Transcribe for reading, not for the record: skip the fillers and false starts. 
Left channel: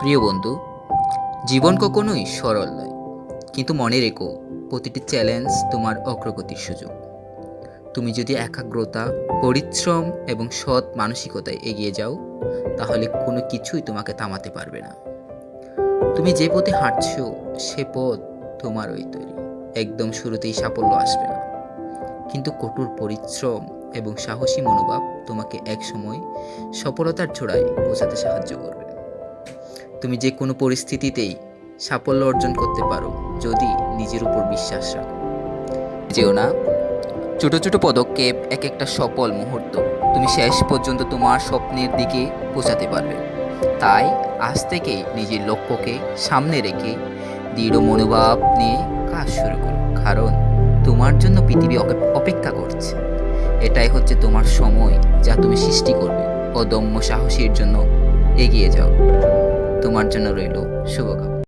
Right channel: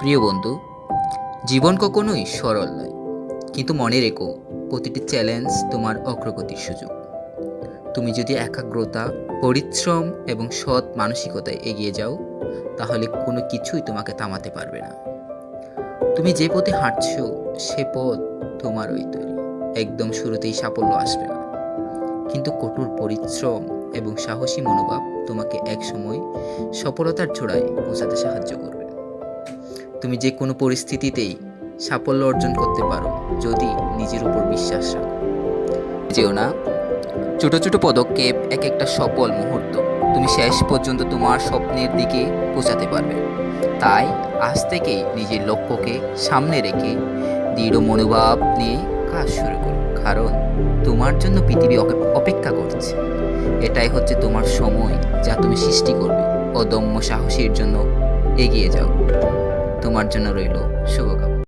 প্রিয় বন্ধু, জীবন কখনোই সরল নয়, কিন্তু মনে রেখো প্রতিটি চ্যালেঞ্জ তোমার অগ্রগতির সুযোগ। তুমি যদি একাগ্রতা, পরিশ্রম এবং সৎ মানসিকতায় এগিয়ে যাও, তাহলে কোনো কিছুই তোমাকে থামাতে পারবে না। তুমি যে পথে হাঁটছো সে পথ তোমারই তৈরি। একদম শুরুতেই সাফল্য আসবে না, কিন্তু কঠোর পরিশ্রম এবং সাহসী মনোভাব তোমাকে একসময় সফলতার চূড়ায় পৌঁছাতে সাহায্য করবে। তুমি যে কোনো পরিস্থিতিতেই সাফল্য অর্জন করতে পারো যদি নিজের উপর বিশ্বাস রাখো। যেও না, ছোট ছোট পদক্ষেপ, এক একটা সফল মুহূর্ত তুমি শেষ পর্যন্ত তোমার স্বপ্নের দিকে পৌঁছাতে পারবে। তাই আজ থেকেই নিজের লক্ষ্যকে সামনে রেখে দৃঢ় মনোভাব নিয়ে কাজ শুরু করো, কারণ তোমার জন্য পৃথিবী অপেক্ষা করছে। এটাই হচ্ছে তোমার সময়, যা তুমি সৃষ্টি করবে। অদম্য সাহসীর জন্য এগিয়ে যাও। তোমার জন্য রইল শুভকামনা।